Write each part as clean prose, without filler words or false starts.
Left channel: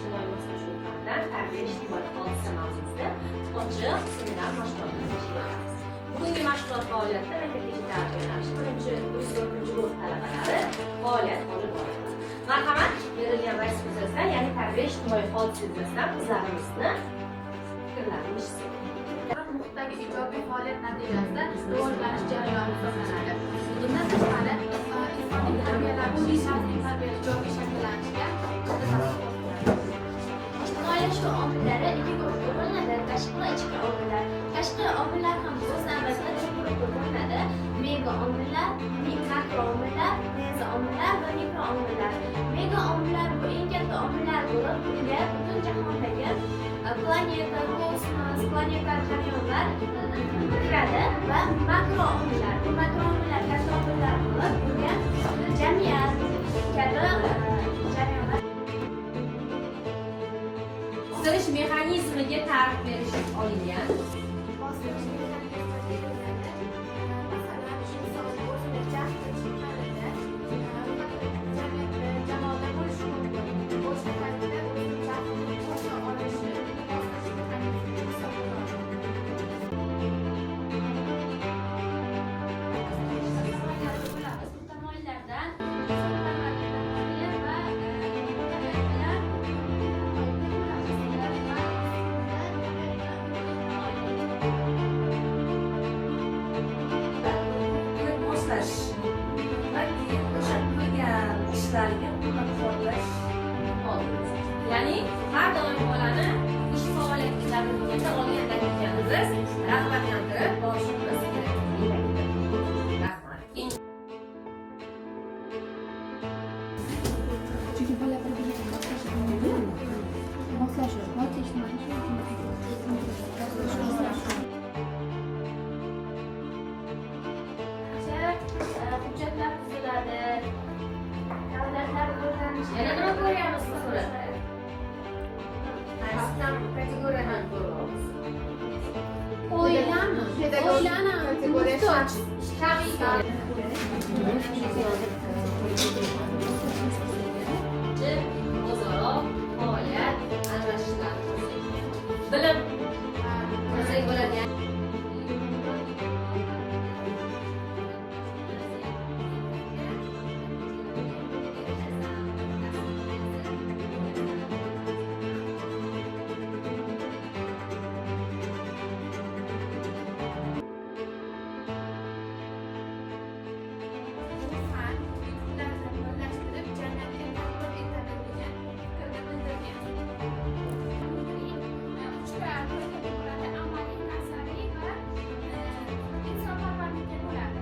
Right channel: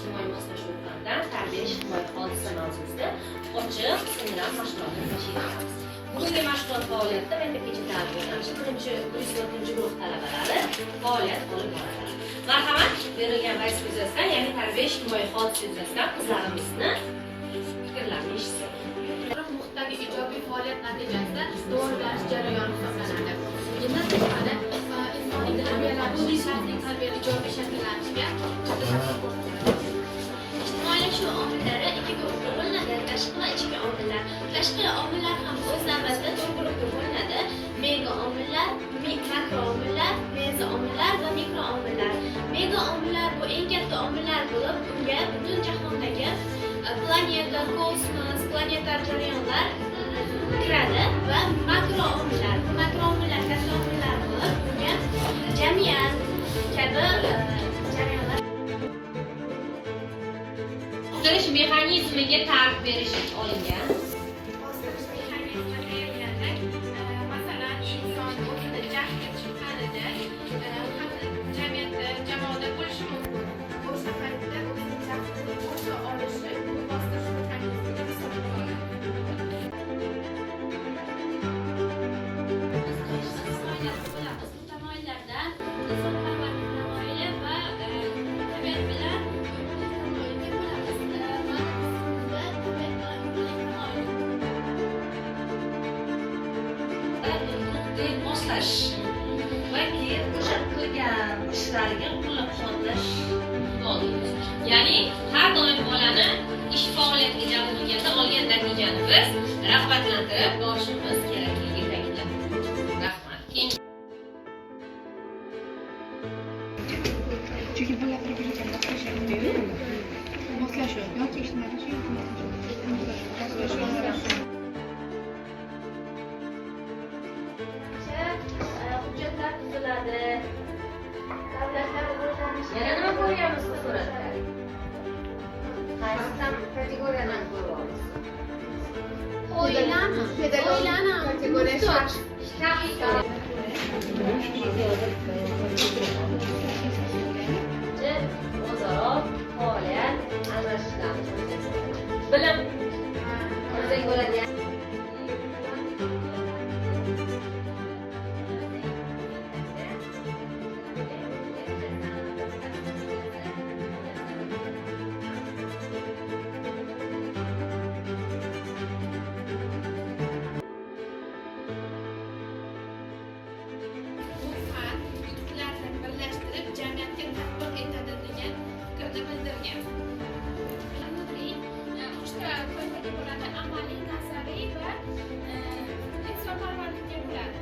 ijtimoiy moslashuv fanidan tarbiya ijtimoiy hodisa mavzusida ochiq seminar mashg'ulotlar tashkil etamiz. Bugungi mashg'ulot faoliyatida maktabgacha ta'lim yo'nalishi 1-4 guruh talabalari faoliyat olib boradilar. Marhamat, berilgan vazifa yuzasidan, ya'ni tarbiya ijtimoiy hodisa yuzasidan qizlarimizni fikrlarini eshitsak. Muhitdagi ijobiy faoliyat natijasida rivojlanish jarayoni hisoblanadi. Bundan tashqari, insonning tarbiyalanishi, shaxsning tarbiyali ijobiy shakllanishiga ijtimoiylashuv omillari ikki guruhga bo'linadi: tashqi va ichki omillar. Tashqi omillar ham o'z navbatida 4 guruhga bo'linadi: mega omillar, makro omillar, meza omillar va mikro omillar. Mega omillar bu eng katta omillar bo'lib, unga butun jahondagi planeta, kosmos, planetar jarayonlar kiradi va makro omillar. Bu makro omillar katta omillar bo'lib, unga jamiyat kabi jarayonlar. Bostirish mexanizmiga ta'rif berish olingan. bostirish mexanizmi berilganda, masalan, inson o'zini jahli chiqqanida, jamiyatda, jamoada bo'lishi mumkin. O'sha paytda o'zini jahlini qo'lga olishi bostirish mexanizmi hisoblanadi. Tamoyillardan insonparvarlik tamoyili va tabiat bilan tamoyilga bo'lamiz. Moslash va keyin o'sha qilgan ishlariga qo'llab-quvvatlash lozim. Ya'ni har doim bolani ish faoliyatiga jalb qilganda olgan natijani biz rag'batlantirib borishimiz kerakligi ta'kidlanadi. Rahmat. Chunki bu bir-biriga moslashuv yoki ijtimoiy Hujjatlar tuziladi. Davlatlar rivojlanishi. Yana nima ko'ryapmiz bu suratda? Qaysi tam kategoriyani ko'ryapmiz? O'ylami? kategoriya o'zaro faoliyat almashishlarni bilim qilsak bo'ladi. Birlashtirib jamiyatga tatbiq etadi degan fikrni bildirgan. Uchta toifaga bo'ladi: amaliy, nazariy va insonparvarlikka bo'ladi.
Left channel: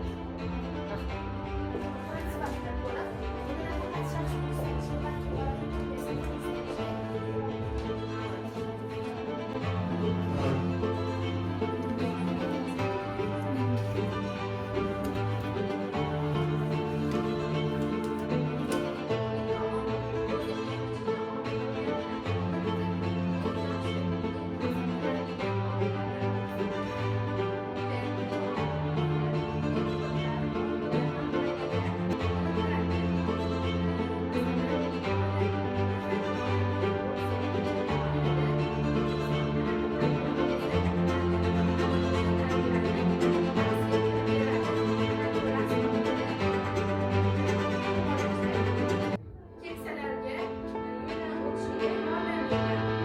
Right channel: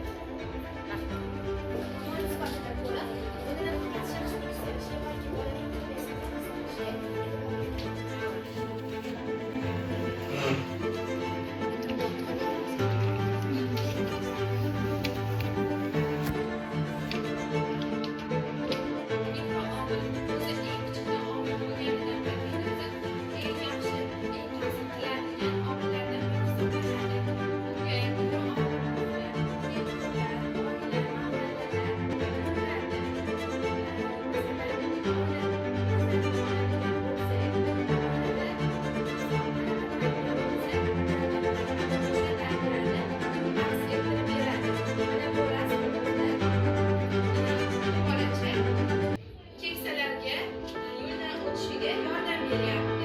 Keksalarga yo'ldan o'tishiga yordam beryapti.